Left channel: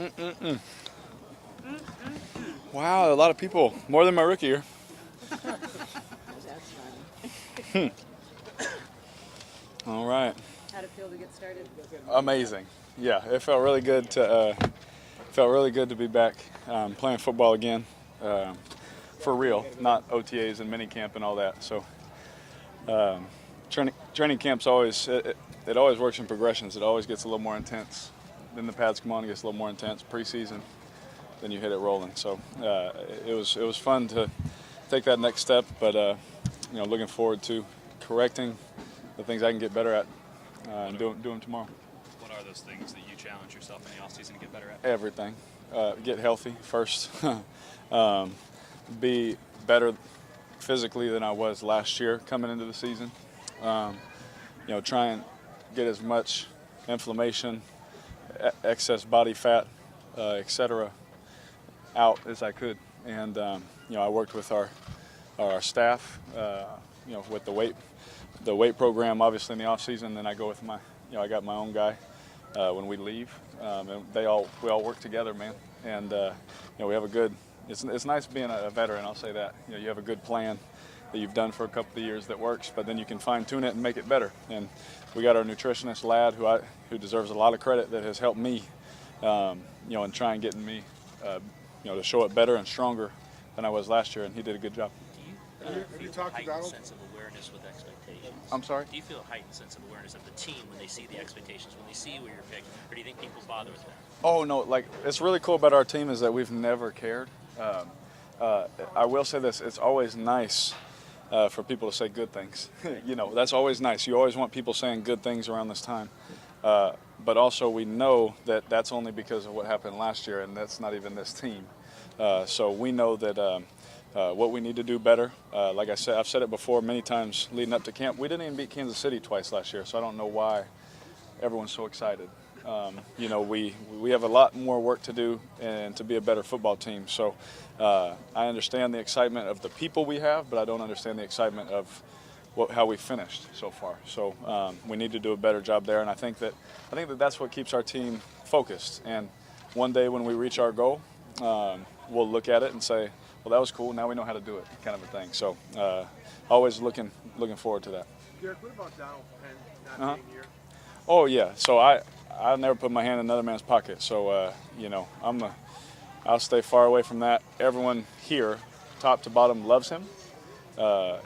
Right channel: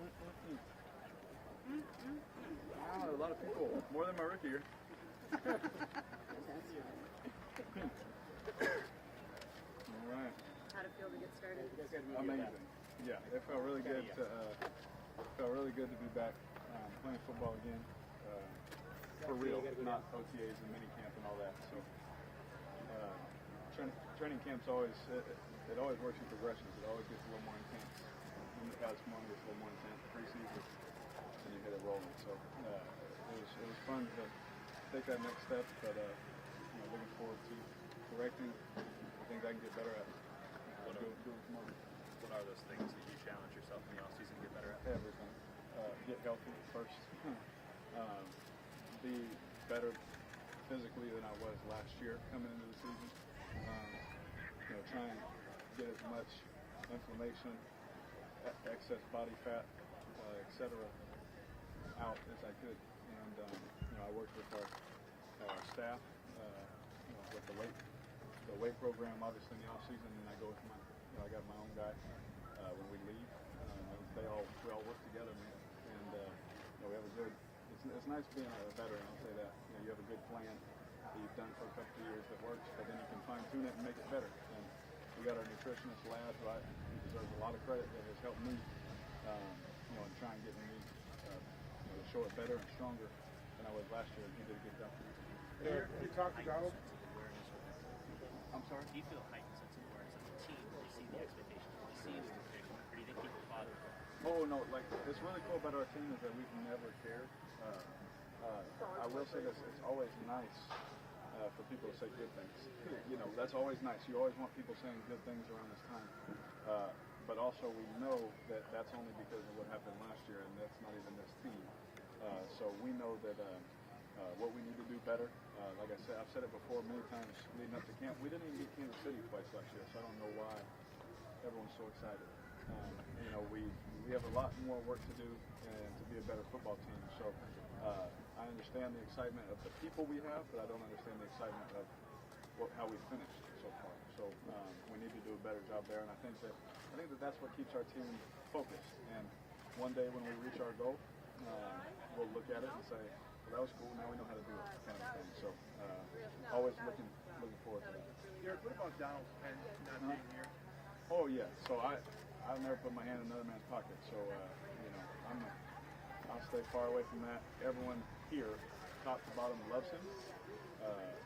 Mm-mm-mm. Wow, a lot of people, more than my rookie year. Hmm. All right. How'd it feel to get started? Amazing. Yeah, it felt really good to be back playing football again, for real, not OTAs and minicamp and all that. So um, training camp's it always works in progressions. It always gets a little more intense. Then the pads come on, it gets a little more intense. Preseason, then you hit it rolling. So it was fun to take that next step, but looking forward to correcting the things I can get better at and do them tomorrow. What are those things that you challenge yourself in the offseason to get better at? Everything. Get healthy first. um, be better physically than I was last year coming into the season. Um, try and get as much inflammation, excess body fat, etc., out as I could. And I worked with our staff, with the weight program, obviously in the off season. Then I go with I got my own guy when we leave, and we all work together, man. And we have a good. It's nice being a veteran. I'll say that. You have a good plan that you've done for a couple of years that works, but then you can fine tune it and make it better. And we got our nutritionist lad who deserves a lot of credit that has helped me, in trying getting me, to show it better and stronger than I was last year, and he did a good job. Do you feel a heightened sense of awareness with expectations? I'm sorry? Do you feel a heightened sense of awareness of the team when they see the expectations, when they see where you're picked, or do you think people bother with that? Oh, no, it's really cool about our team is that we've never cared. I will say this, it's always nice for people to say good things. That's always nice. You always want people saying good things around this time. But also we know that that's only because of what happened last year, and that's not even this team. So we know that what we need to do better. Like I said, I've said it before many times leading up to camp. We didn't even beat Kansas City twice last year, so I don't know why everyone's so excited. We have a lot more work to do and to be a better football team. So I understand the excitement of the people we have, but I don't understand the excitement of how we finished so far. So we need to do a better job there, and I think that that's what keeps our team focused. And one day when we reach our goal, we'll look at it and say, well, that was cool. Now we know how to do it, kind of a thing. So always looking forward to that. Garrett, what about Donald not being here? Oh yeah. So I never put my hand in another man's pocket. So I'll stay far away from that. Everyone here, top to bottom, loves him.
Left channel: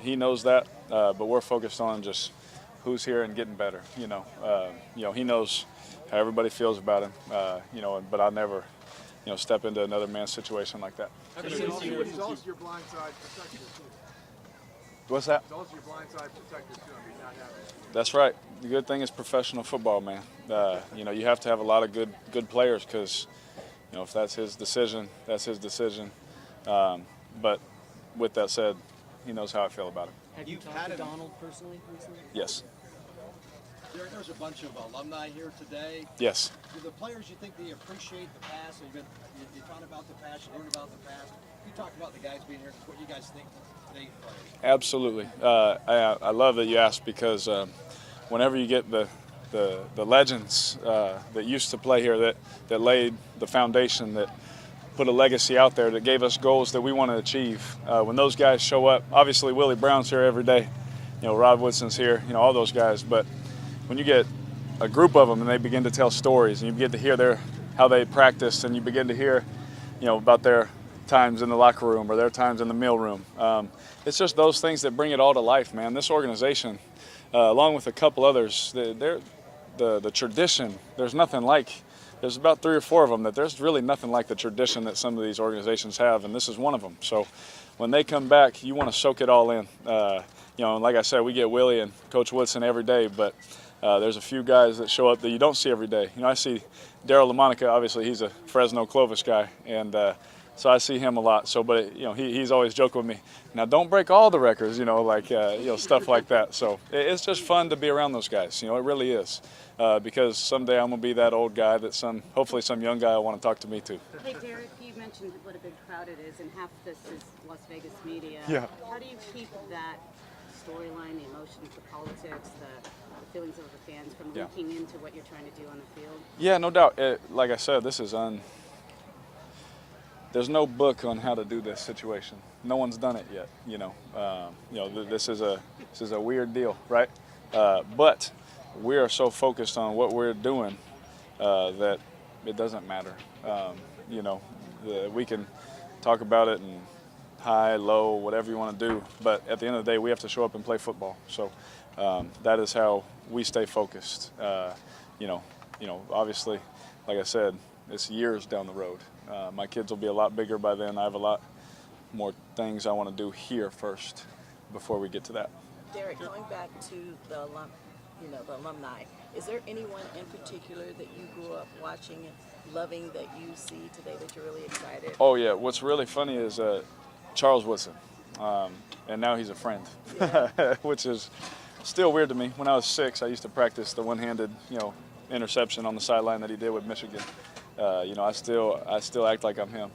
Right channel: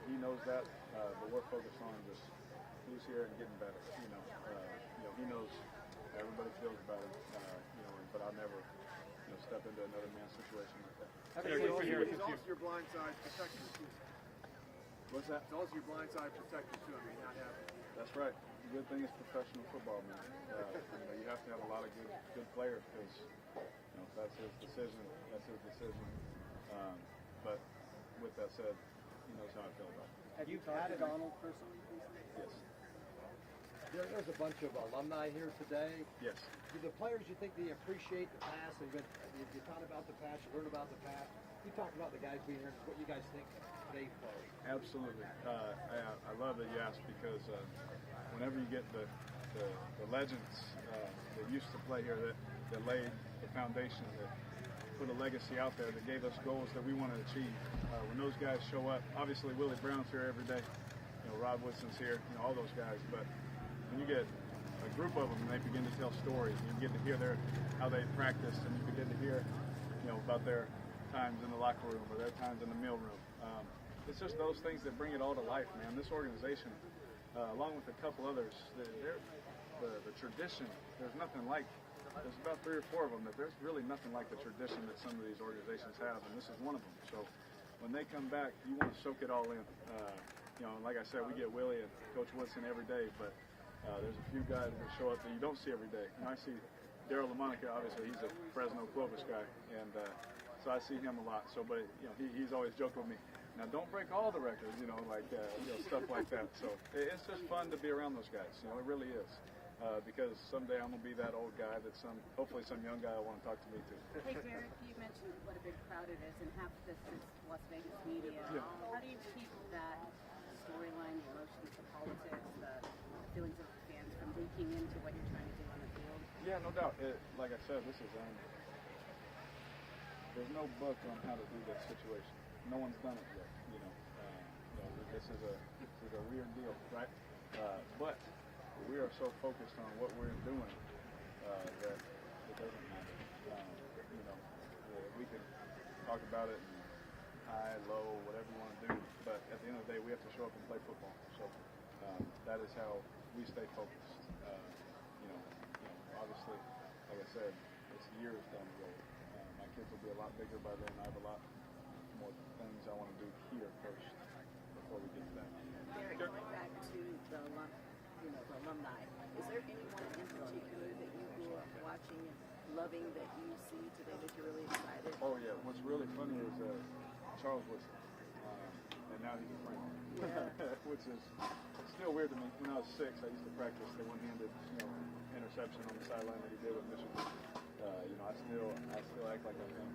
He knows that. But we're focused on just who's here and getting better. He knows how everybody feels about him. But I'll never, step into another man's situation like that. He's also your blindside protector too. What's that? He's also your blindside protector too. I mean, not having. That's right. The good thing is professional football, man. You have to have a lot of good players because, if that's his decision, that's his decision. But with that said, he knows how I feel about it. Have you talked to Donald personally recently? Yes. There's a bunch of alumni here today. Yes. Do the players, you think they appreciate the past? You taught about the past, you learned about the past. You talked about the guys being here. What you guys think they play? Absolutely. I love that you asked because whenever you get the legends that used to play here, that laid the foundation, that put a legacy out there, that gave us goals that we want to achieve. When those guys show up, obviously Willie Brown's here every day, Rod Woodson's here, all those guys. But when you get a group of them and they begin to tell stories, and you begin to hear how they practiced, and you begin to hear, about their times in the locker room or their times in the meal room. It's just those things that bring it all to life, man. This organization, along with a couple others, the tradition. There's nothing like. There's about 3 or 4 of them that there's really nothing like the tradition that some of these organizations have, and this is one of them. So when they come back, you want to soak it all in. Like I said, we get Willie and Coach Woodson every day, but there's a few guys that show up that you don't see every day. I see Daryl LaMonica, obviously he's a Fresno Clovis guy, and so I see him a lot. So, but he's always joking with me. Now, don't break all the records, stuff like that. So it's just fun to be around those guys. It really is. Because someday I'm gonna be that old guy that hopefully some young guy will want to talk to me too. Hey, Derek, you mentioned what a big crowd it is, and half this is Las Vegas media. Yeah. How do you keep that storyline, the emotions, the politics, the feelings of the fans from leaking into what you're trying to do on the field? Yeah, no doubt. Like I said, this is there's no book on how to do this situation. No one's done it yet. This is a weird deal, right? But we are so focused on what we're doing that it doesn't matter. We can talk about it and high, low, whatever you want to do, but at the end of the day, we have to show up and play football. So that is how we stay focused. Obviously, like I said, it's years down the road. My kids will be a lot bigger by then. I have a lot more things I want to do here first before we get to that. Derek, going back to the alumni, is there anyone in particular that you grew up watching, loving, that you see today that you're really excited? Oh yeah, what's really funny is Charles Woodson, and now he's a friend, Yeah. which is still weird to me. When I was 6, I used to practice the one-handed, interception on the sideline that he did with Michigan. I still act like I'm him,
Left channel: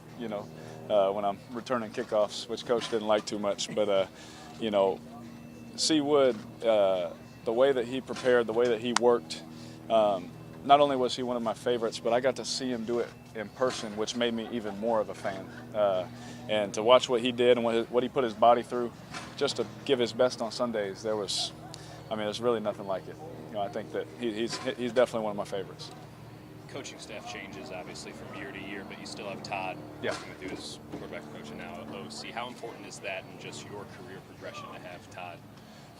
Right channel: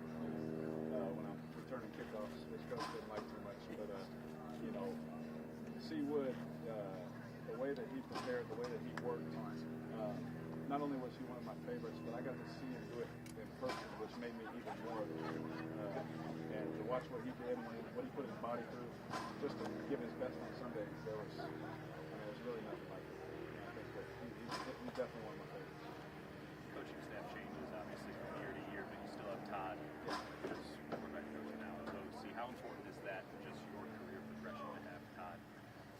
when I'm returning kickoffs, which Coach didn't like too much. But, C. Wood, the way that he prepared, the way that he worked, not only was he one of my favorites, but I got to see him do it in person, which made me even more of a fan. And to watch what he did and what he put his body through, just to give his best on Sundays, there's really nothing like it. I think that he's definitely one of my favorites. Coaching staff changes obviously from year to year, but you still have Todd Yeah. working with you as quarterback coach and now at OC. How important is that in just your career progression to have Todd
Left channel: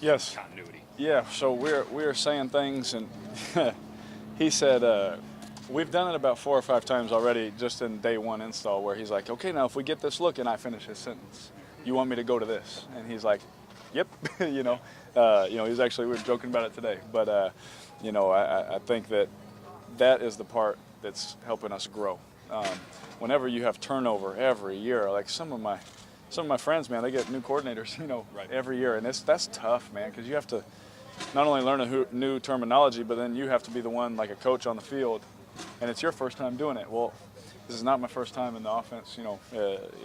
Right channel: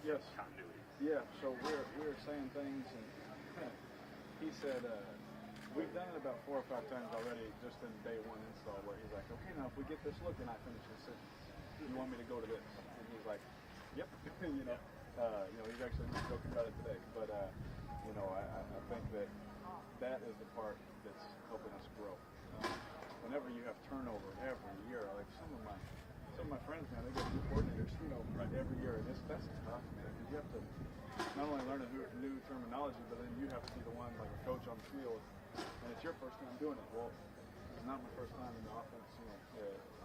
Yes. continuity? Yeah. So we're saying things, and he said we've done it about 4 or 5 times already, just in day 1 install, where he's like, okay, now if we get this look, and I finish his sentence, you want me to go to this? And he's like, yep. we were joking about it today, but I think that is the part that's helping us grow. Whenever you have turnover every year, like some of my friends, man, they get new coordinators, Right. every year, and that's tough, man, because you have to not only learn a new terminology, but then you have to be the one, like a coach on the field, and it's your first time doing it. Well, this is not my first time in the offense.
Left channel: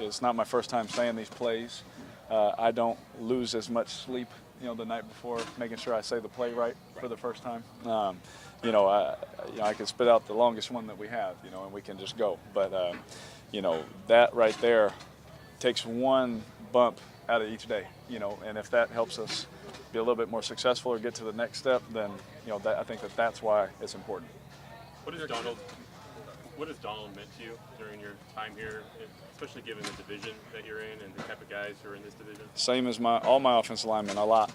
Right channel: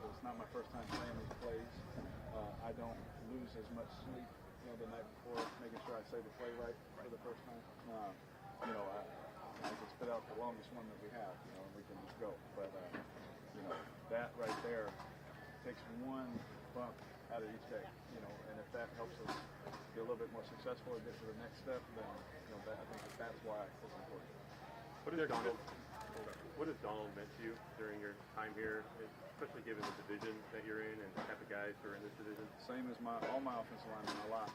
It's not my first time saying these plays. I don't lose as much sleep, the night before, making sure I say the play right for the first time. I could spit out the longest one that we have, and we can just go. But, that right there takes one bump out of each day, and if that helps us be a little bit more successful or get to the next step, then, I think that's why it's important. What has Donald meant to you during your time here, especially given the division that you're in and the type of guys who are in this division? Same as all my offensive linemen, a lot.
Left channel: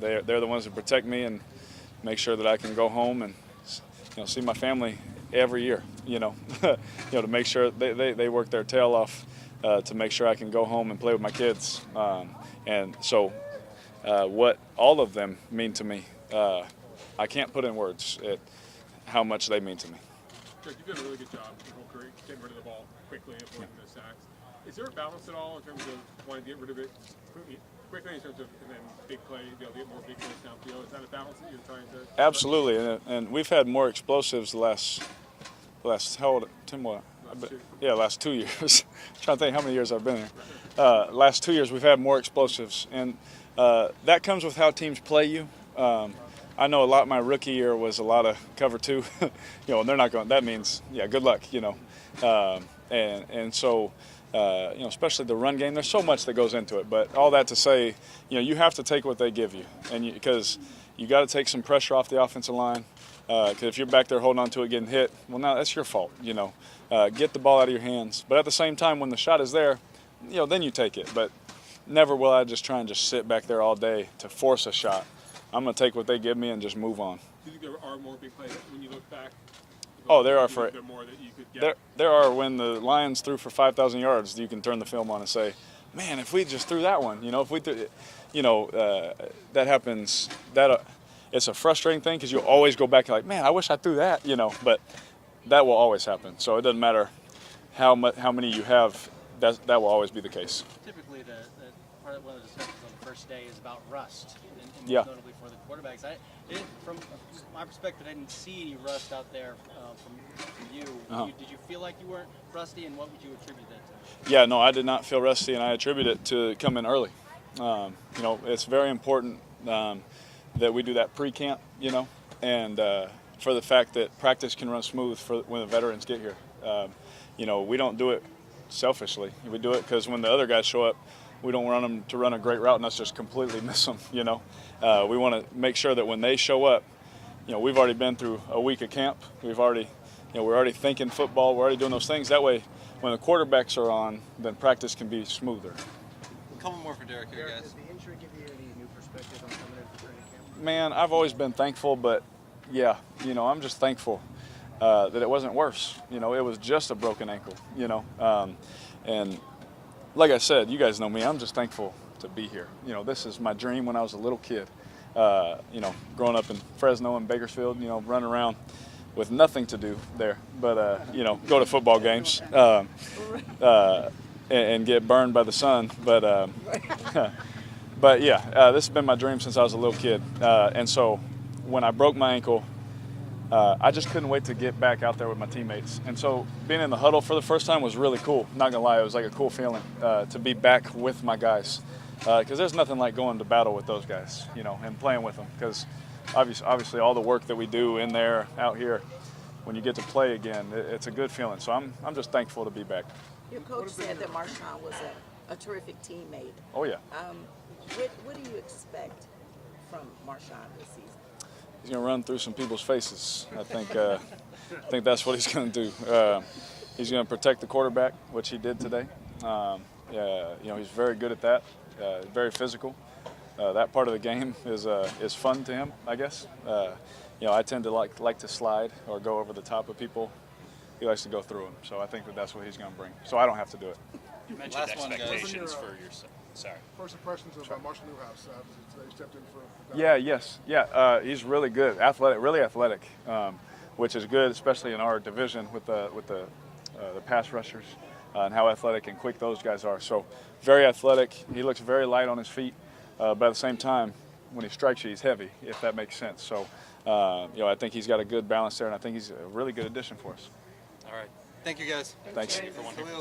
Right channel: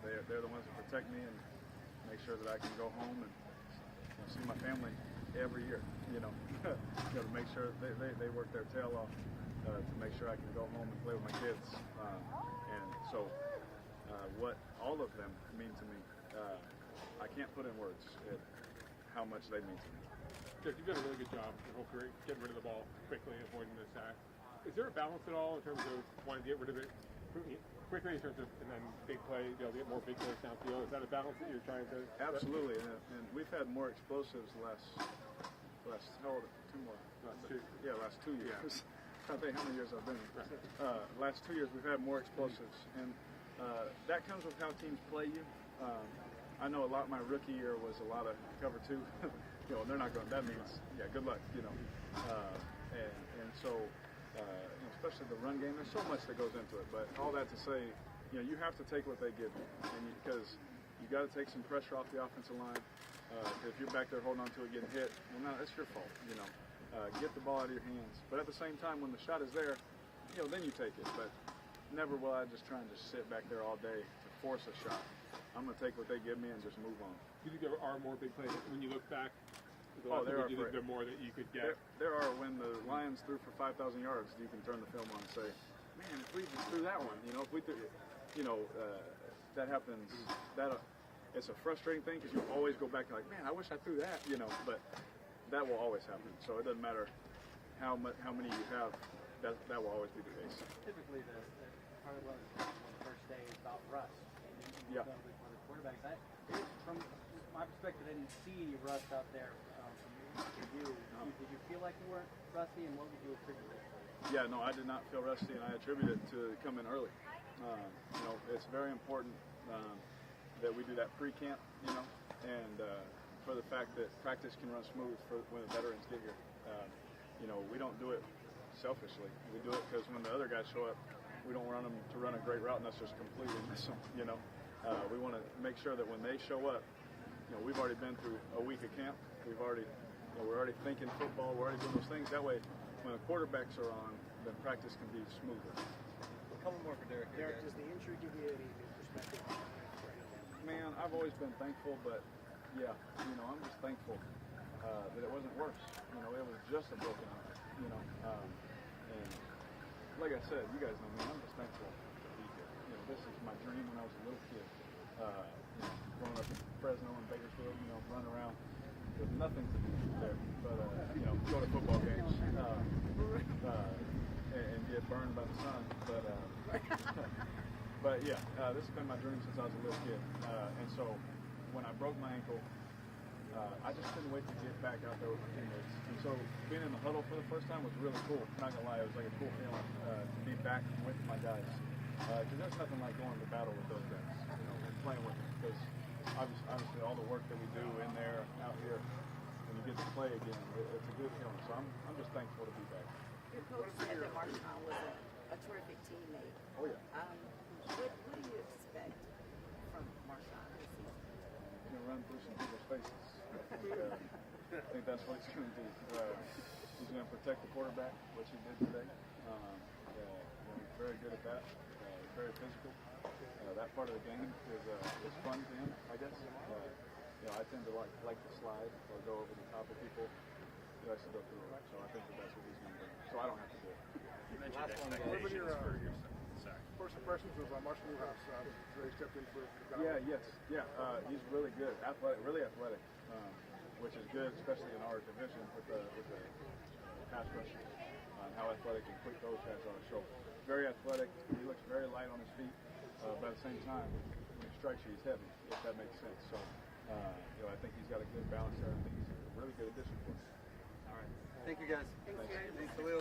They're the ones that protect me and make sure that I can go home and see my family every year. To make sure they work their tail off to make sure I can go home and play with my kids. And so, what all of them mean to me, I can't put in words how much they mean to me. Derek, you've done a really good job your whole career getting rid of the ball quickly and avoiding the sacks. Is there a balance at all in terms of wanting to get rid of it quickly in terms of and then big play, get more big plays downfield? Is that a balance that you're trying to? Absolutely, and we've had more explosives the last how old, Tim? What? Last 2 years. I'm trying to think how many years I've been here. Last 2 years we've had more explosives, and that comes with how teams play you. I know a lot. My rookie year was a lot of cover 2, and they're not going. That means good luck, and so especially the run game. There's so much that goes into it, but all that to say, you have to take what they give you, and because you got to take some pressure off the offensive line. Because if you're back there holding on to it, getting hit, well, now that's your fault. Get the ball out of your hands, but at the same time, when the shot is there, then you take it. But never will I just try and just sit back there all day to force a shot. I'm going to take what they give me and just move on. Do you think there are more big plays when you look back? Oh, there are. There more that you could get? There are. When the Lions threw for 5,000 yards, you can turn the film on and say, man, if we just threw that one, if we threw, that happens. It's a frustrating thing because you always go back and like, man, I wish I threw that, but that will always happen. So it doesn't matter how many you have, that will always be the case. Typically, the part of one of the discussions on the first day is about rust. And Yeah. Notably for the quarterbacks. From my perspective, I didn't see any rust out there from you. Uh-huh. Did you feel like you weren't rusty, and what would you attribute that to? Yeah, no, I did not feel rusty, and I attribute it to coming early. It's very important that we do that pre-camp, and for the fact that practice can run smooth for when the veterans get here. We don't do it selfishly. We do it because when the other guys show up, we don't want them to run a great route and us just completely miss them. You know, we want to make sure that when they show up, you know, we've already been through a week of camp. We've already, you know, we're already thinking football. We're already doing those things. That way, when the quarterbacks are on, then practice can be smoother. A couple more for Derek here, guys. Does the injury give you any new perspective on coming into training camp? Man, I've always been thankful, but yeah, you know, I'm just thankful that it wasn't worse. You know, it was just a broken ankle, you know. And like I said, you guys know me, I'm just thankful to be here. You know, this is my dream when I was a little kid. You know, growing up in Fresno and Bakersfield, you know, running around with nothing to do there, but, you know, go to football games and get burned by the sun. But, but yeah, this has been my dream since I was a little kid. And so when I broke my ankle, I just couldn't wait to get back out there with my teammates. And so being in the huddle for the first time was really cool. Not gonna lie, it was like a cool feeling to be back with my guys. Because there's nothing like going to battle with those guys, you know, and playing with them. Because obviously all the work that we do in there, out here, when you get to play again, it's a good feeling. So I'm just thankful to be back. Your coach said that Marshawn was a terrific teammate. Oh yeah. What do you expect from Marshawn this season? He's gonna run through some people's faces. I think that's what he's gonna do. He's gonna protect the quarterback, which he did today. You know, he's very good at that. Very physical. That part of the game is fun to him, I guess. You know, I tend to like to slide or go over the top of people. He likes to go through them. So I think that's what he's going to bring. So I don't have to do it. You mentioned Last one, guys. expectations for yourself. Sorry. First impressions of Marshall Newhouse. Today stepped in for Yeah. He's really good, athletic, really athletic, which is good, especially in our division with the pass rushers and how athletic and quick those guys are. So very athletic. He looks very light on his feet, but at the same time, when he strikes you, he's heavy, if that makes sense. So, you know, I think he's got a good balance there, and I think he's a really good addition for us. All right. Thank you, guys. Thanks. Khalil.